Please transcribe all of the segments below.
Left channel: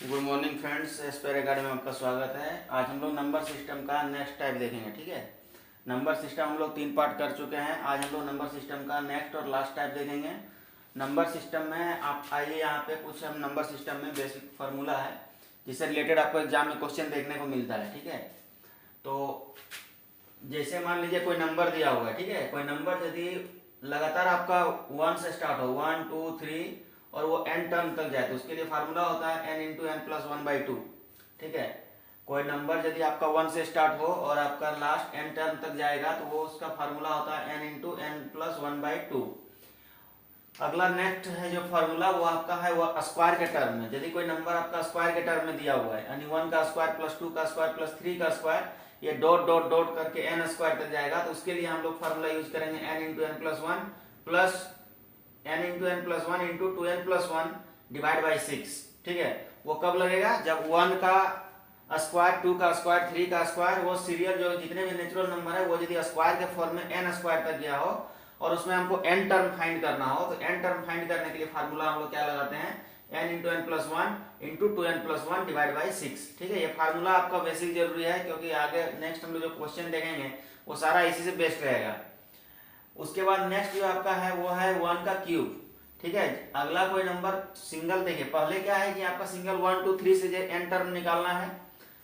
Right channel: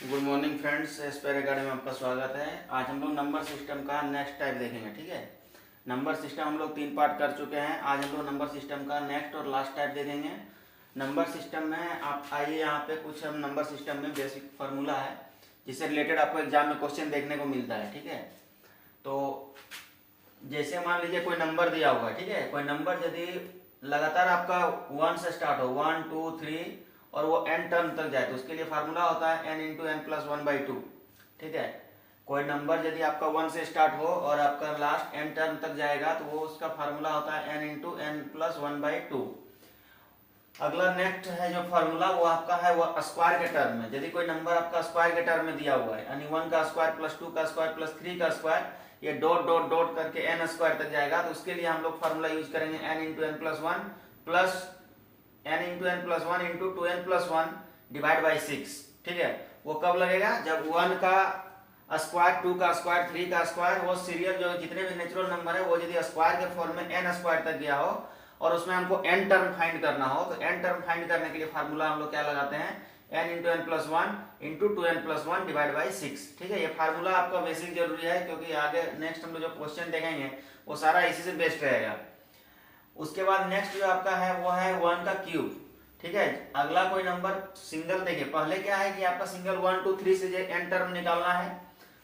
Good morning friends, Aspire academy में आपका स्वागत है। आज हम लोग नंबर सिस्टम का नेक्स्ट टाइप देखेंगे। ठीक है, नंबर सिस्टम हम लोग 3 पार्ट कर चुके हैं। आज हम लोग नंबर सिस्टम का नेक्स्ट और लास्ट टाइप देखेंगे। नंबर सिस्टम में आप आइए, यहाँ पे कुछ हम नंबर सिस्टम में बेसिक फार्मूला है जिससे रिलेटेड आपको एग्जाम में क्वेश्चन देखने को मिलता है। ठीक है, तो जैसे मान लीजिए कोई नंबर दिया हुआ है। ठीक है, कोई नंबर यदि लगातार आपका 1 से स्टार्ट हो, 1 2 3 और वो n टर्म तक जाए तो उसके लिए फार्मूला होता है n इंटू एन प्लस 1/2। ठीक है, कोई नंबर यदि आपका 1 से स्टार्ट हो और आपका लास्ट n टर्म तक जाएगा तो वो उसका फार्मूला होता है n इंटू एन प्लस 1/2। अगला नेक्स्ट है जो फार्मूला वो आपका है वो स्क्वायर के टर्म में। यदि कोई नंबर आपका स्क्वायर के टर्म में दिया हुआ है यानी 1 का स्क्वायर प्लस 2 का स्क्वायर प्लस 3 का स्क्वायर, ये डॉट डॉट डॉट करके n स्क्वायर तक जाएगा तो उसके लिए हम लोग फार्मूला यूज करेंगे n इंटू एन प्लस 1 प्लस n into n plus 1 into 2n plus 1 divide by 6। ठीक है, वो कब लगेगा? जब 1 का स्क्वायर, 2 का स्क्वायर, 3 का स्क्वायर, वो सीरियल जो जितने भी नेचुरल नंबर है वो यदि स्क्वायर के फॉर्म में n स्क्वायर तक गया हो और उसमें हमको n टर्म फाइंड करना हो तो n टर्म फाइंड करने के लिए फार्मूला हम लोग क्या लगाते हैं? n into n plus 1 into 2n plus 1 divide by 6। ठीक है, ये फार्मूला आपका बेसिक जरूरी है क्योंकि आगे नेक्स्ट हम लोग जो क्वेश्चन देखेंगे वो सारा इसी से बेस्ड रहेगा। उसके बाद नेक्स्ट जो आपका है वो है 1 का क्यूब। ठीक है, अगला कोई नंबर सिंगल देखिए, पहले क्या है कि आपका सिंगल 1 2 3 से n टर्म निकालना है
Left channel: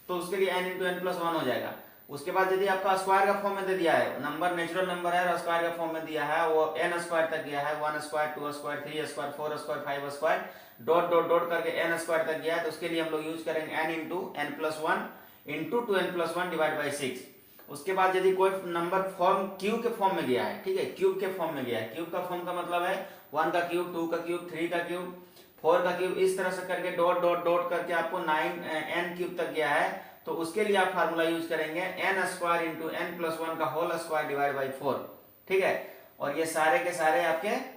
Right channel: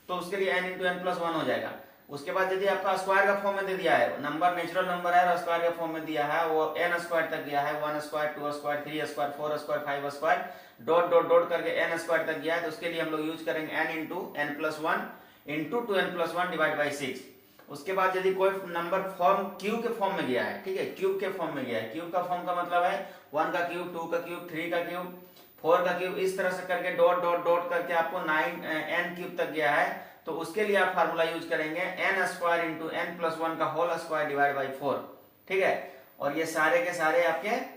तो उसके लिए n इंटू एन प्लस 1 हो जाएगा। उसके बाद यदि आपका स्क्वायर का फॉर्म में दे दिया है, नंबर नेचुरल नंबर है और स्क्वायर का फॉर्म में दिया है, वो n स्क्वायर तक गया है, 1 square 2 square 3 square 4 square 5 square dot dot dot करके n स्क्वायर तक गया है तो उसके लिए हम लोग यूज करेंगे n into n plus 1 into 2n plus 1 divide by 6। उसके बाद यदि कोई नंबर फॉर्म क्यूब के फॉर्म में गया है, ठीक है, क्यूब के फॉर्म में गया है, क्यूब का फॉर्म का मतलब है 1 का क्यूब, 2 का क्यूब, 3 का क्यूब, 4 का क्यूब, इस तरह से करके डॉट डॉट डॉट करके आपको 9n क्यूब तक गया है तो उसके लिए आप फार्मूला यूज करेंगे n square into n plus 1 का होल स्क्वायर डिवाइड बाई 4। ठीक है, और ये सारे के सारे आपके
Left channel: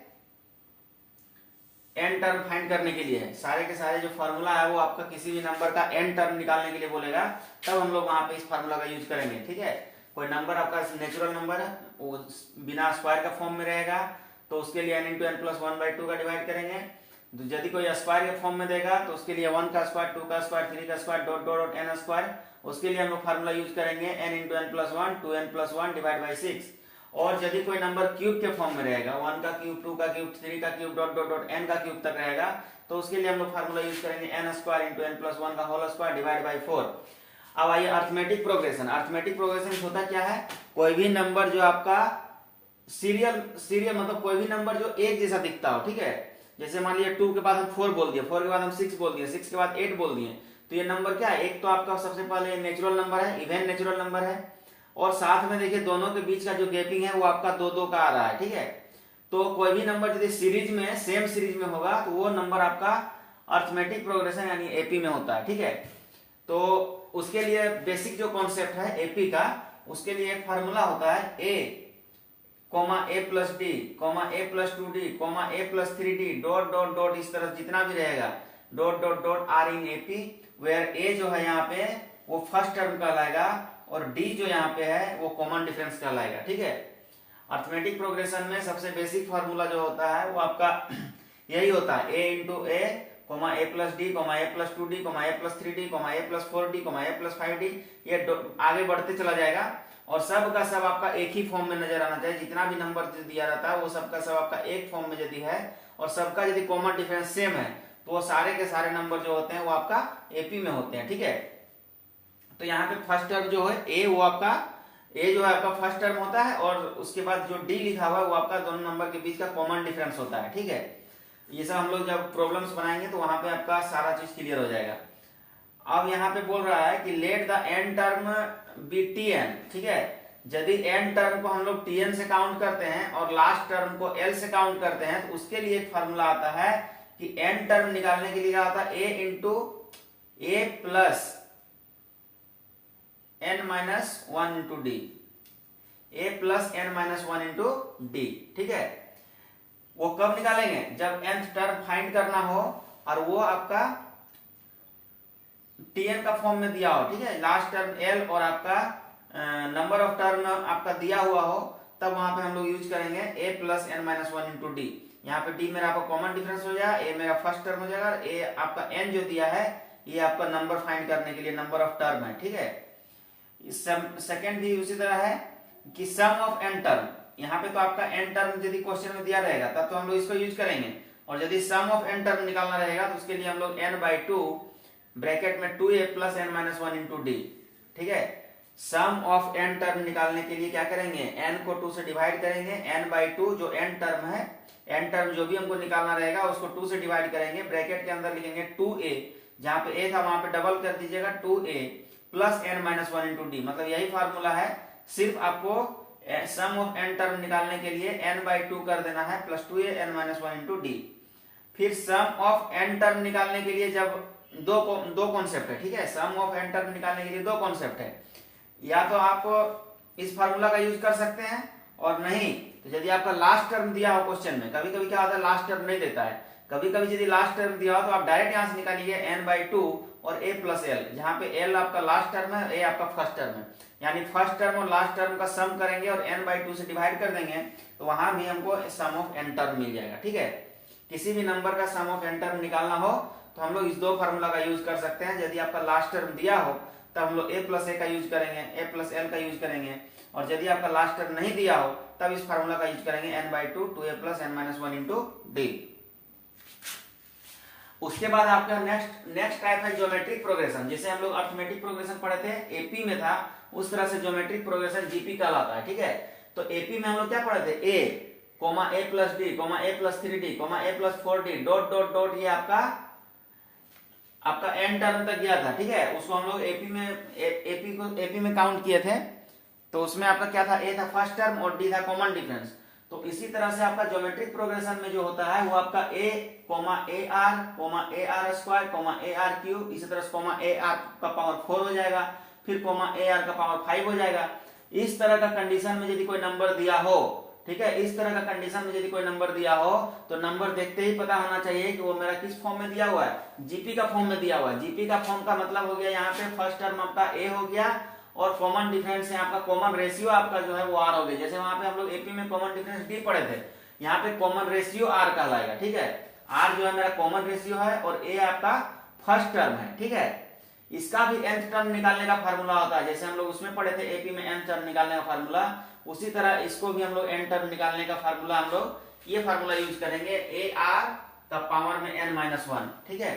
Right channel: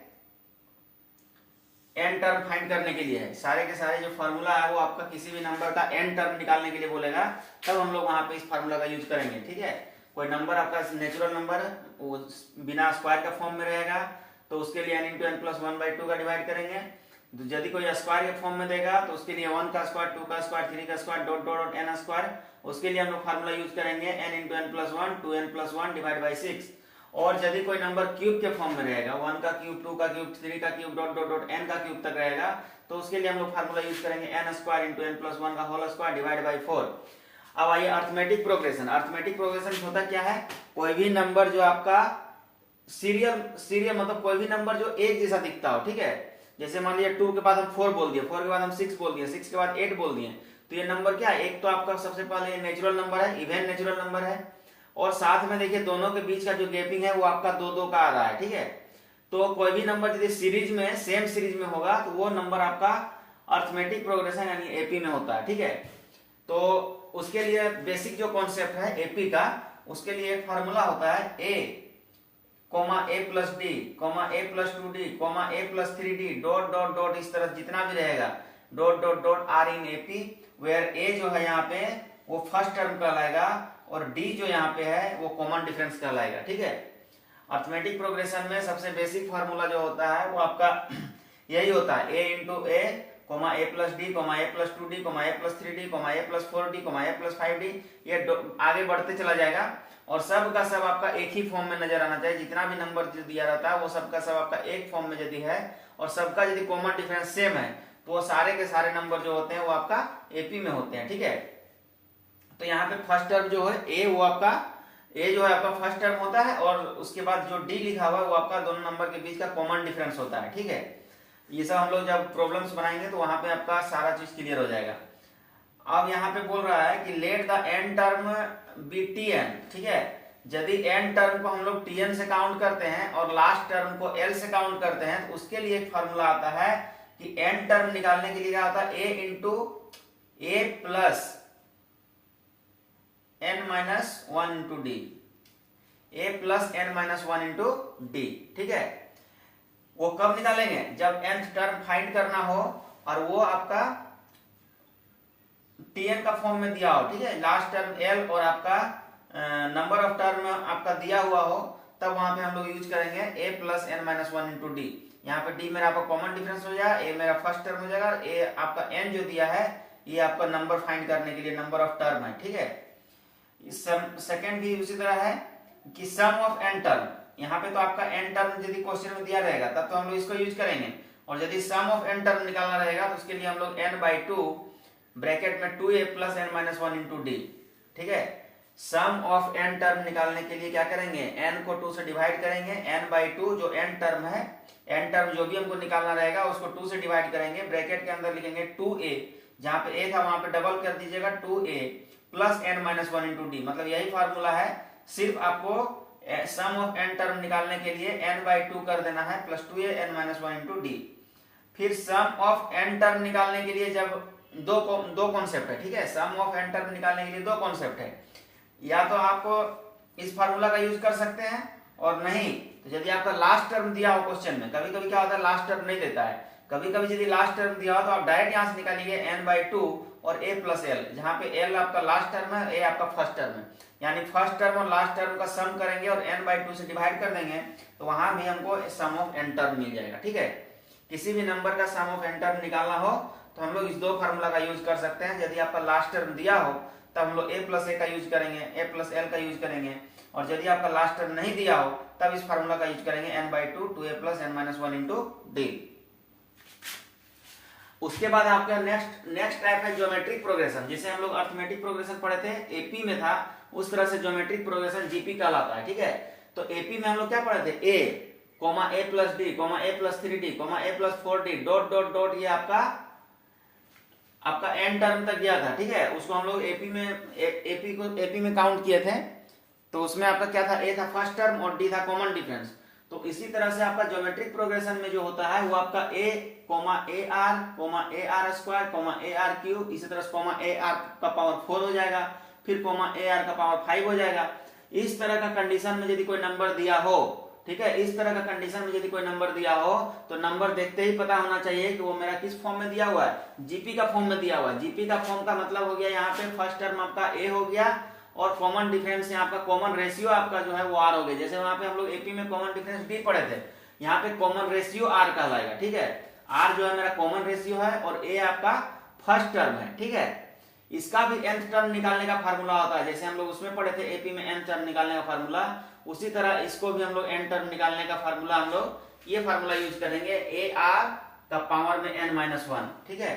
n टर्म फाइंड करने के लिए है। सारे के सारे जो फार्मूला है वो आपका किसी भी नंबर का n टर्म निकालने के लिए बोलेगा तब हम लोग वहां पे इस फार्मूला का यूज करेंगे। ठीक है, कोई नंबर आपका नेचुरल नंबर है वो बिना स्क्वायर का फॉर्म में रहेगा तो उसके लिए n इंटू एन प्लस 1/2 का डिवाइड करेंगे। यदि कोई स्क्वायर के फॉर्म में देगा तो उसके लिए 1 का स्क्वायर, 2 का स्क्वायर, 3 का square dot dot dot n square, उसके लिए हम लोग फार्मूला यूज करेंगे n into n plus 1 2n plus 1 divide by 6। और यदि कोई नंबर क्यूब के फॉर्म में रहेगा, 1 का क्यूब, 2 का क्यूब, 3 का cube dot dot dot n का क्यूब तक रहेगा तो उसके लिए हम लोग फार्मूला यूज करेंगे n square into n plus 1 का होल स्क्वायर डिवाइड बाई 4। अब आइए अर्थमेटिक प्रोग्रेशन। अर्थमेटिक प्रोग्रेशन होता क्या है? कोई भी नंबर जो आपका सीरियल मतलब कोई भी नंबर जो एक जैसा दिखता हो। ठीक है, जैसे मान लिया 2 के बाद हम 4 बोल दिए, 4 के बाद हम 6 बोल दिए, 6 के बाद 8 बोल दिए तो ये नंबर क्या है? एक तो आपका सबसे पहले नेचुरल नंबर है, इवन नेचुरल नंबर है और साथ में देखिए दोनों के बीच का जो गैपिंग है वो आपका 2 2 का आ रहा है। ठीक है, तो कोई भी नंबर यदि सीरीज में सेम सीरीज में होगा तो वो नंबर आपका अर्थमेटिक प्रोग्रेशन यानी एपी में होता है। ठीक है, तो उसके लिए बेसिक जो कॉन्सेप्ट है एपी का, उसके लिए एक फार्मूला होता है a comma a plus d comma a plus 2d comma a plus 3d dot dot dot, इस तरह जितना भी रहेगा dot dot dot are in AP, where a जो है यहाँ पे वो फर्स्ट टर्म कहलाएगा और डी जो यहाँ पे है वो कॉमन डिफरेंस कहलाएगा। ठीक है, अर्थमेटिक प्रोग्रेशन में सबसे बेसिक फार्मूला जो होता है वो आपका यही होता है a into A comma a plus d comma a plus 2d comma a plus 3d coma a plus 4d coma a plus 5d, ये आगे बढ़ते चला जाएगा और सब का सब आपका एक ही फॉर्म में नजर आना चाहिए। जितना भी नंबर दिया रहता है वो सब का सब आपका एक फॉर्म में यदि है और सबका यदि कॉमन डिफरेंस सेम है तो वो सारे के सारे नंबर जो होते हैं वो आपका एपी में होते हैं। ठीक है, तो यहाँ पे फर्स्ट टर्म जो है ए वो आपका ए जो है आपका फर्स्ट टर्म होता है और उसके बाद जो डी लिखा हुआ है वो आपका दोनों नंबर के बीच का कॉमन डिफरेंस होता है। ठीक है, ये सब हम लोग जब प्रॉब्लम्स बनाएंगे तो वहां पे आपका सारा चीज क्लियर हो जाएगा। अब यहाँ पे बोल रहा है कि let the n term be T n. ठीक है, यदि एन टर्म को हम लोग टी एन से काउंट करते हैं और लास्ट टर्म को एल से काउंट करते हैं तो उसके लिए एक फार्मूला आता है कि एन टर्म निकालने के लिए क्या आता है? A into a plus n minus 1 into d, a plus n minus 1 into d. ठीक है, वो कब निकालेंगे? जब nth टर्म फाइंड करना हो और वो आपका tn का फॉर्म में दिया हो। ठीक है, लास्ट टर्म l और आपका नंबर ऑफ टर्म आपका दिया हुआ हो तब वहां पे हम लोग यूज करेंगे a plus n minus 1 into D. यहाँ पे d मेरा आपका कॉमन डिफरेंस हो जाएगा, a मेरा फर्स्ट टर्म हो जाएगा, a आपका n जो दिया है ये आपका नंबर फाइंड करने के लिए नंबर ऑफ टर्म है, ठीक है। सेकेंड भी उसी तरह है कि सम ऑफ एन टर्म, यहाँ पे तो आपका एन टर्म यदि क्वेश्चन में दिया रहेगा तब तो हम लोग इसको यूज करेंगे, और यदि सम ऑफ एन टर्म निकालना रहेगा तो उसके लिए हम लोग n/2 ब्रैकेट में 2a plus n minus 1 into d, ठीक है। सम ऑफ एन टर्म निकालने के लिए क्या करेंगे, n को 2 से डिवाइड करेंगे, n/2 जो n टर्म है, n टर्म जो भी हमको निकालना रहेगा उसको 2 से डिवाइड करेंगे, ब्रैकेट के अंदर लिखेंगे 2a, जहां पे a था वहां पे डबल कर दीजिएगा 2a plus n minus 1 into D, मतलब यही फॉर्मूला है। सिर्फ आपको सम ऑफ एन टर्म निकालने के लिए n/2 कर देना है plus 2a n minus 1 into D. फिर सम ऑफ एन टर्म निकालने के लिए जब दो कॉन्सेप्ट है, ठीक है, सम ऑफ एन टर्म निकालने के लिए दो कॉन्सेप्ट है, या तो आप इस फार्मूला का यूज कर सकते हैं, और नहीं तो यदि आपका लास्ट टर्म दिया हो क्वेश्चन में, कभी कभी क्या होता है लास्ट टर्म नहीं देता है, कभी कभी यदि लास्ट टर्म दिया हो तो आप डायरेक्ट यहां से निकालिए n/2 और a प्लस एल, जहां पे l आपका लास्ट टर्म है, a आपका फर्स्ट टर्म है, यानी फर्स्ट टर्म और लास्ट टर्म का सम करेंगे और n/2 से डिवाइड कर देंगे तो वहां भी हमको सम ऑफ एन टर्म मिल जाएगा, ठीक है। किसी भी नंबर का सम ऑफ एन टर्म निकालना हो तो हम लोग इस दो फार्मूला का यूज कर सकते हैं। यदि आपका लास्ट टर्म दिया हो तब हम लोग a प्लस ए का यूज करेंगे, a प्लस एल का यूज करेंगे, और यदि आपका लास्ट टर्म नहीं दिया हो तब इस फार्मूला का यूज करेंगे n/2 2a plus n minus 1 into D. उसके बाद आपका नेक्स्ट टाइप है ज्योमेट्रिक प्रोग्रेशन। जैसे हम लोग अर्थमेटिक प्रोग्रेशन पढ़े थे, एपी में था, उस तरह से ज्योमेट्रिक प्रोग्रेशन जीपी कहलाता है, ठीक है। तो एपी में हम लोग क्या पढ़े थे, a plus b a plus 3d a plus 4d dot dot dot, ये आपका एन टर्म तक गया था, ठीक है। उसको हम लोग एपी में काउंट किए थे, तो उसमें आपका क्या था, ए था फर्स्ट टर्म और डी था कॉमन डिफरेंस। तो इसी तरह से आपका ज्योमेट्रिक प्रोग्रेशन में जो होता है वो आपका a AR square AR cube, इसी तरह से AR का पावर 4 हो जाएगा, फिर AR का पावर 5 हो जाएगा। इस तरह का कंडीशन में यदि कोई नंबर दिया हो, ठीक है, इस तरह का कंडीशन में यदि कोई नंबर दिया हो तो नंबर देखते ही पता होना चाहिए कि वो मेरा किस फॉर्म में दिया हुआ है, जीपी का फॉर्म में दिया हुआ है। जीपी का फॉर्म का मतलब हो गया यहाँ पे फर्स्ट टर्म आपका a हो गया, और कॉमन डिफरेंस यहाँ आपका कॉमन रेशियो आपका जो है वो r हो गया। जैसे वहां पे हम लोग एपी में कॉमन डिफरेंस d पढ़े थे, यहाँ पे कॉमन रेशियो r कहलाएगा, ठीक है। r जो है मेरा कॉमन रेशियो है और a आपका फर्स्ट टर्म है, ठीक है। इसका भी nth टर्म निकालने का फार्मूला होता है, जैसे हम लोग उसमें पढ़े थे एपी में nth टर्म निकालने का फार्मूला, उसी तरह इसको भी हम लोग n टर्म निकालने का फार्मूला हम लोग ये फार्मूला यूज करेंगे, AR का पावर में n माइनस 1, ठीक है।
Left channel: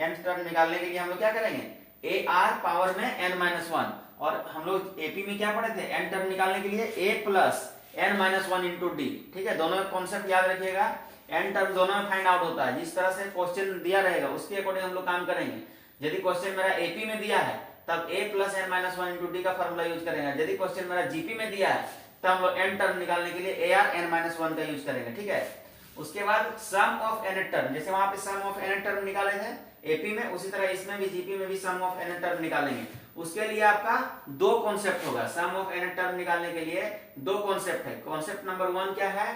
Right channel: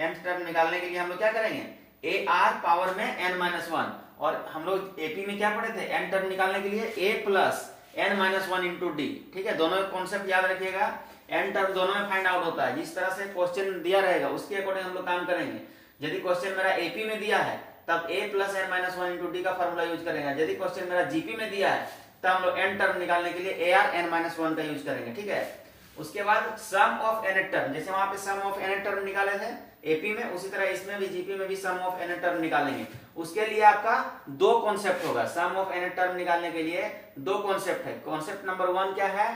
nth टर्म निकालने के लिए हम लोग क्या करेंगे, AR पावर में n माइनस 1, और हम लोग एपी में क्या पढ़े थे, n टर्म निकालने के लिए a plus n minus 1 into d, ठीक है। दोनों कॉन्सेप्ट याद रखिएगा, n टर्म दोनों में फाइंड आउट होता है, जिस तरह से क्वेश्चन दिया रहेगा उसके अकॉर्डिंग हम लोग काम करेंगे। यदि क्वेश्चन मेरा एपी में दिया है तब a plus n minus 1 into D का फॉर्मूला यूज करेंगे। यदि क्वेश्चन मेरा जीपी में दिया है तब हम लोग n टर्म निकालने के लिए AR n माइनस 1 का यूज करेंगे, ठीक है। उसके बाद सम ऑफ n टर्म, जैसे वहां पे सम ऑफ n टर्म निकाले थे एपी में, उसी तरह इसमें भी जीपी में भी सम ऑफ n टर्म निकालेंगे। उसके लिए आपका दो कॉन्सेप्ट होगा, सम ऑफ n टर्म निकालने के लिए दो कॉन्सेप्ट है। कॉन्सेप्ट नंबर 1 क्या है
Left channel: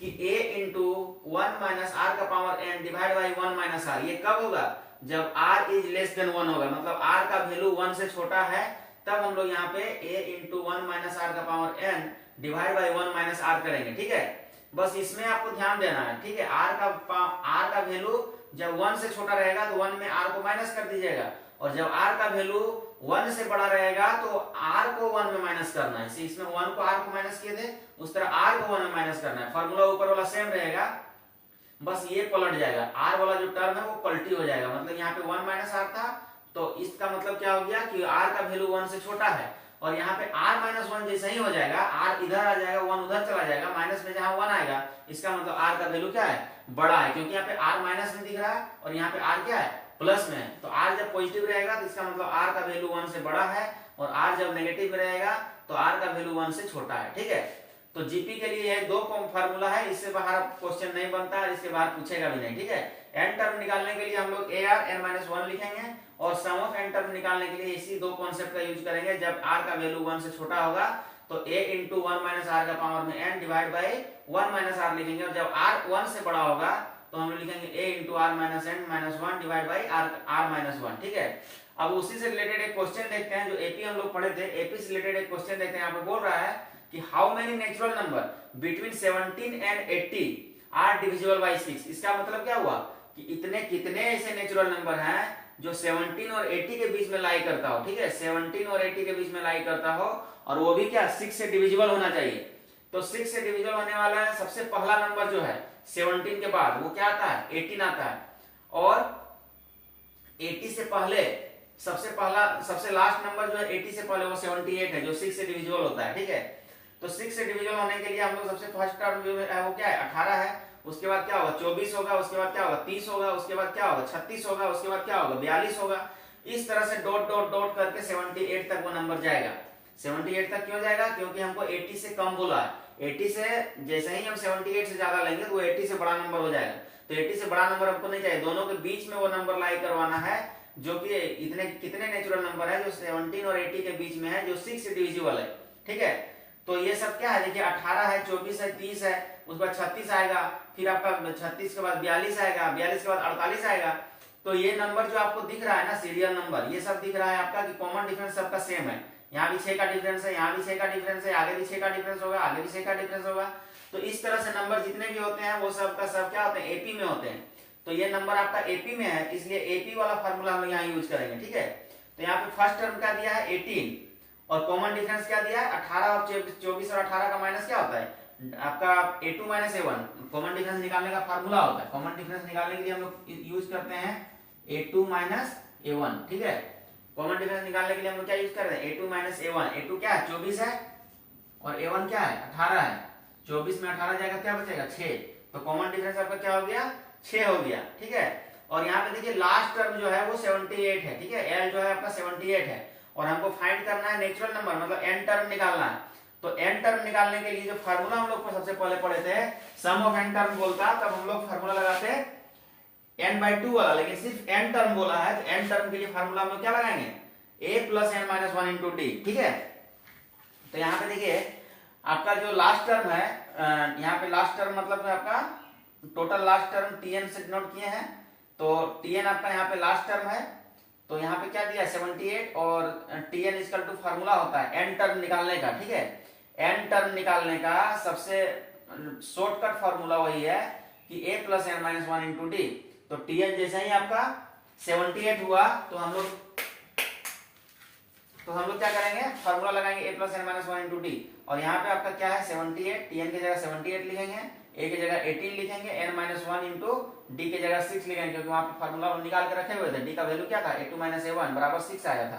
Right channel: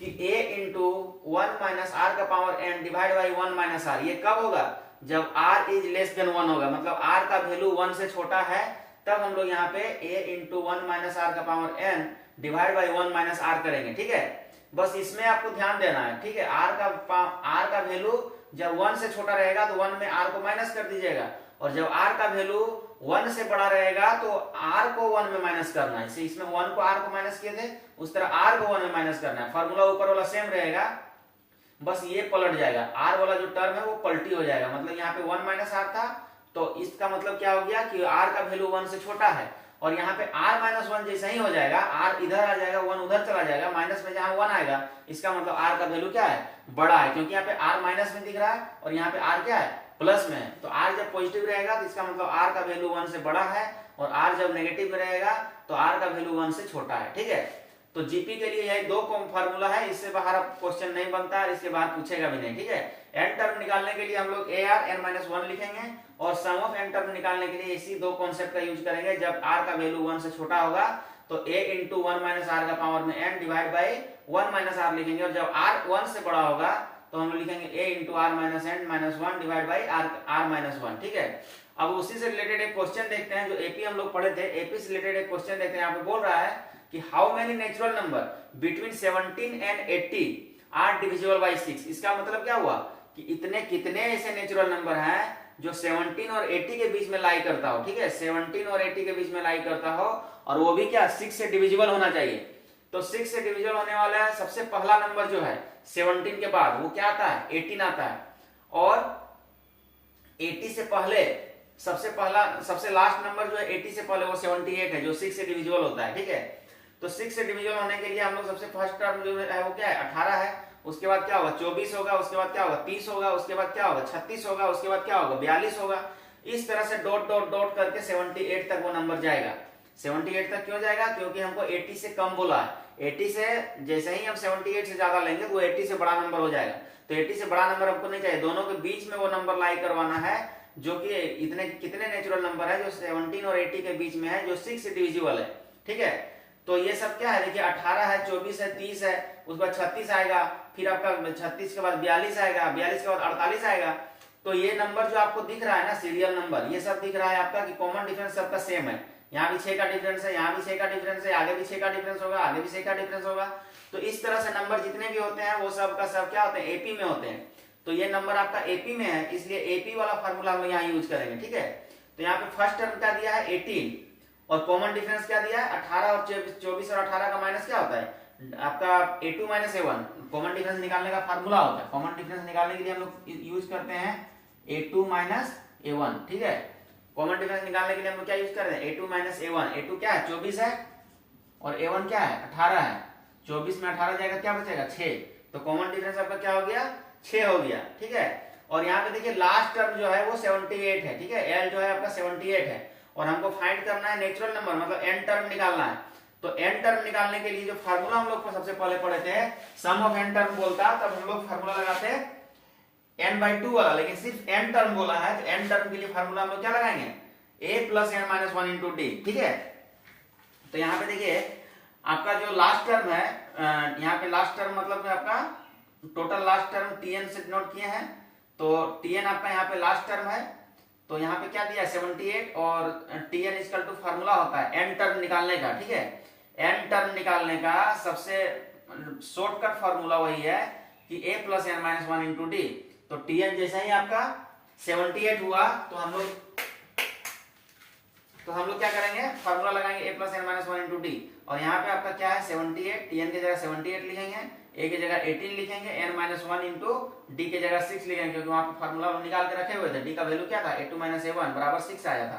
कि a इंटू 1 माइनस आर का power n divide by 1 minus R, ये कब होगा, जब r इज लेस देन 1 होगा, मतलब r का वैल्यू 1 से छोटा है, तब हम लोग यहाँ पे a इंटू 1 माइनस आर का power n divide by 1 minus R करेंगे, ठीक है। बस इसमें आपको ध्यान देना है, ठीक है। r का वैल्यू जब 1 से छोटा रहेगा तो 1 में r को माइनस कर दीजिएगा, और जब r का वैल्यू 1 से बड़ा रहेगा तो r को 1 में माइनस करना है। इसमें 1 को r को माइनस किए थे, उस तरह r को 1 में माइनस करना है। फॉर्मूला ऊपर वाला सेम रहेगा, बस ये पलट जाएगा, r वाला जो टर्म है वो पलटी हो जाएगा। मतलब यहाँ पे 1 माइनस आर था, तो इसका मतलब क्या हो गया कि r का वैल्यू 1 से छोटा है, और यहाँ पे r माइनस 1 जैसा ही हो जाएगा, r इधर आ जाएगा, 1 उधर चला जाएगा, माइनस में जहां 1 आएगा इसका मतलब r का वैल्यू क्या है, बड़ा है, क्योंकि यहाँ पे r माइनस में दिख रहा है और यहाँ पे r क्या है, प्लस में है। तो r जब पॉजिटिव रहेगा तो इसका मतलब r का वैल्यू 1 से बड़ा है, और r जब नेगेटिव में रहेगा तो r का वैल्यू 1 से छोटा है, ठीक है। तो जीपी के लिए यह दो फार्मूला है, इससे बाहर क्वेश्चन नहीं बनता है, इसके बाहर पूछेगा भी नहीं, ठीक है। n टर्म निकालने के लिए हम लोग AR n माइनस 1 लिखेंगे, और सम ऑफ n टर्म निकालने के लिए इसी दो कॉन्सेप्ट का यूज करेंगे। जब r का वैल्यू 1 से छोटा होगा तो a इंटू 1 माइनस आर का पावर में n divide by 1 minus R लिखेंगे, और जब r 1 से बड़ा होगा तो हम लोग लिखेंगे a into R minus n minus 1 divide by r minus 1, ठीक है। अब उसी से रिलेटेड एक क्वेश्चन देखते हैं जो एपी हम लोग पढ़े थे, एपी से रिलेटेड एक क्वेश्चन देखते हैं। यहाँ पे बोल रहा है कि how many natural number between 17 and 80 are divisible by 6। इसका मतलब क्या हुआ कि इतने कितने ऐसे नेचुरल नंबर हैं जो 17 और 80 के बीच में लाई करता हो, ठीक है, 17 और 80 के बीच में लाई करता हो, और वो भी क्या 6 से डिविजिबल होना चाहिए। तो 6 से डिविजिबल होने वाला है, सबसे पहला नंबर जो है 17 के बाद वो क्या आता है 18 आता है, और 80 से पहले सबसे लास्ट नंबर जो है 80 से पहले वो 78 है, जो 6 से डिविजिबल होता है, ठीक है। तो 6 से डिविजिबल होने के लिए हम लोग सबसे फर्स्ट टर्म जो है वो क्या है 18 है, उसके बाद क्या होगा 24 होगा, उसके बाद क्या होगा 30 होगा, उसके बाद क्या होगा 36 होगा, उसके बाद क्या होगा 42 होगा। इस तरह से डॉट डॉट डॉट करके 78 तक वो नंबर जाएगा। 78 तक क्यों जाएगा, क्योंकि हमको 80 से कम बोला है। 80 से जैसे ही हम 78 से ज्यादा लेंगे तो वो 80 से बड़ा नंबर हो जाएगा। तो 80 से बड़ा नंबर हमको नहीं चाहिए, दोनों के बीच में वो नंबर लाई करवाना है, जो कि इतने कितने नेचुरल नंबर है जो 17 और 80 के बीच में है, जो 6 से डिविजिबल है, ठीक है। तो ये सब क्या है, देखिए 18 है, 24 है, 30 है, उसके बाद 36 आएगा, फिर आपका 36 के बाद 42 आएगा, 42 के बाद 48 आएगा। तो ये नंबर जो आपको दिख रहा है ना सीरियल नंबर, ये सब दिख रहा है आपका कि कॉमन डिफरेंस सबका सेम है। यहाँ भी 6 का डिफरेंस है, यहाँ भी 6 का डिफरेंस है, आगे भी 6 का डिफरेंस होगा, आगे भी 6 का डिफरेंस होगा। तो इस तरह से नंबर जितने भी होते हैं वो सब का सब क्या होते हैं एपी में होते हैं। तो ये नंबर आपका एपी में है, इसलिए एपी वाला फॉर्मूला हम यहाँ यूज करेंगे, ठीक है। तो यहाँ पे फर्स्ट टर्म क्या दिया है 18, और कॉमन डिफरेंस क्या दिया है 18, और 24 और 18 का माइनस क्या होता है आपका a2 minus a1, common difference निकालने का फार्मूला होता है। कॉमन डिफरेंस निकालने के लिए हम लोग यूज करते हैं a2 माइनस a1, ठीक है। कॉमन डिफरेंस निकालने के लिए हम लोग क्या यूज कर रहे हैं a2 माइनस a1। a2 क्या है 24 है, और a1 क्या है 18 है। 24 में 18 जाएगा क्या बचेगा 6, तो कॉमन डिफरेंस आपका क्या हो गया 6 हो गया, ठीक है। और यहाँ पे देखिए लास्ट टर्म जो है वो 78 है, ठीक है, l जो है आपका 78 है, और हमको फाइंड करना है नेचुरल नंबर, मतलब n टर्म निकालना है। तो n टर्म निकालने के लिए जो फार्मूला हम लोग सबसे पहले पढ़े थे सम ऑफ n टर्म बोलता, तब हम लोग फार्मूला लगाते n/2 वाला, लेकिन सिर्फ n टर्म बोला है, n टर्म के लिए फार्मूला हम लोग क्या लगाएंगे a plus n minus 1 into d, ठीक है। तो यहाँ पे देखिए आपका जो लास्ट टर्म है, यहाँ पे लास्ट टर्म मतलब आपका टोटल लास्ट टर्म tn से नोट किए हैं, तो tn आपका यहाँ पे लास्ट टर्म है। तो यहाँ पे क्या दिया है 78, और tn इक्वल टू फार्मूला होता है n टर्म निकालने का, ठीक है। n टर्म निकालने का सबसे शॉर्टकट फार्मूला वही है कि a plus n minus 1 into D. तो tn जैसा ही आपका 78 हुआ, तो हम लोग क्या करेंगे फार्मूला लगाएंगे a plus n minus 1 into D, और यहाँ पे आपका क्या है 78, tn की जगह 78 लिखेंगे, a की जगह 18 लिखेंगे, n माइनस 1 इंटू डी की जगह 6 लिखेंगे, क्योंकि वहां पे फार्मूला निकाल के रखे हुए थे। d का वैल्यू क्या था a2 माइनस a1 बराबर 6 आया था।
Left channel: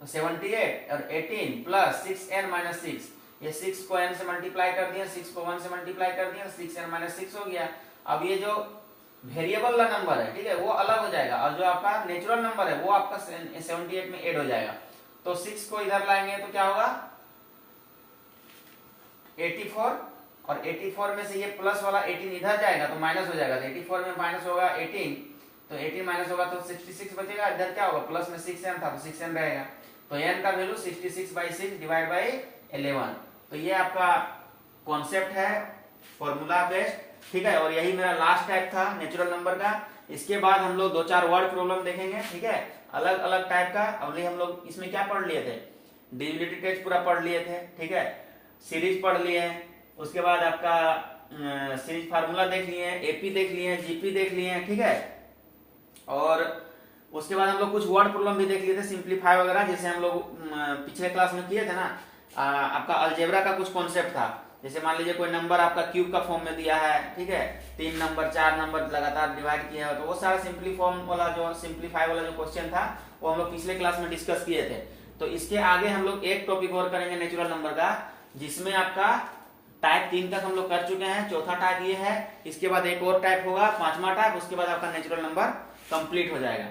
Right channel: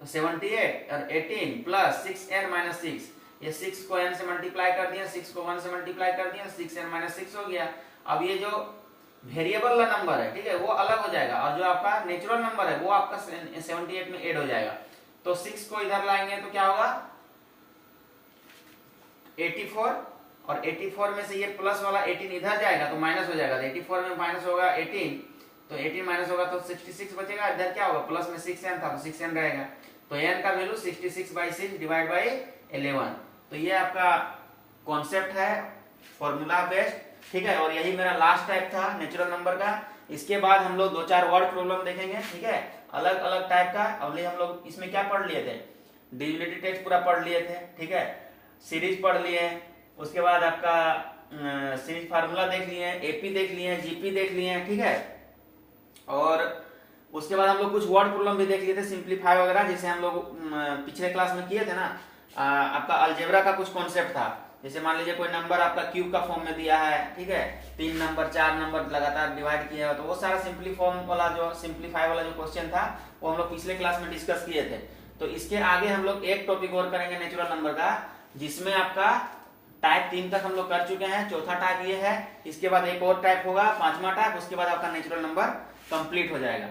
तो 78 और 18 प्लस 6n माइनस 6, ये 6 को n से मल्टीप्लाई कर दिया, 6 को 1 से मल्टीप्लाई कर दिया, 6n माइनस 6 हो गया। अब ये जो वेरिएबल वाला नंबर है, ठीक है, वो अलग हो जाएगा, और जो आपका नेचुरल नंबर है वो आपका 78 में ऐड हो जाएगा। तो 6 को इधर लाएंगे तो क्या होगा 84, और 84 में से ये प्लस वाला 18 इधर जाएगा तो माइनस हो जाएगा। तो 84 में माइनस होगा 18, तो 18 माइनस होगा तो 66 बचेगा, इधर क्या होगा प्लस में 6n था तो 6n रहेगा। तो n का वैल्यू 66/6 डिवाइड बाई 11। तो ये आपका कॉन्सेप्ट है फॉर्मूला बेस्ड, ठीक है। और यही मेरा लास्ट टाइप था नेचुरल नंबर का। इसके बाद हम लोग 2-4 वर्ड प्रॉब्लम देखेंगे, ठीक है, अलग अलग टाइप का। अभी हम लोग इसमें क्या पढ़ लिए थे डिविजिबिलिटी टेस्ट पूरा पढ़ लिए थे, ठीक है, सीरीज पढ़ लिए, उसके बाद आपका सीरीज फार्मूला देख लिए, एपी देख लिए, जीपी देख लिए, ठीक है। और उसके बाद हम लोग कुछ वर्ड प्रॉब्लम भी देख लिए थे सिंप्लीफाई वगैरह, जैसे हम लोग पिछले क्लास में किए थे ना। आपका अलजेब्रा का कुछ कॉन्सेप्ट था, जैसे मान लीजिए कोई नंबर आपका क्यूब का फॉर्म में दिया है, ठीक है, 3 नंबर 4 नंबर लगातार डिवाइड किए हो, तो वो सारा सिंप्लीफाई वाला जो क्वेश्चन था वो हम लोग पिछले क्लास में डिस्कस किए थे। तो इसके आगे हम लोग एक टॉपिक और करेंगे नेचुरल नंबर का, जिसमें आपका टाइप 3 तक हम लोग कर चुके हैं, चौथा टाइप ये है। इसके बाद एक और टाइप होगा 5वां टाइप, उसके बाद आपका नेचुरल नंबर कंप्लीट हो जाएगा।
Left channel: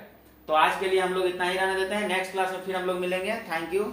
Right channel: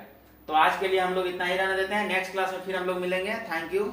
तो आज के लिए हम लोग इतना ही रहने देते हैं, नेक्स्ट क्लास में फिर हम लोग मिलेंगे। Thank you.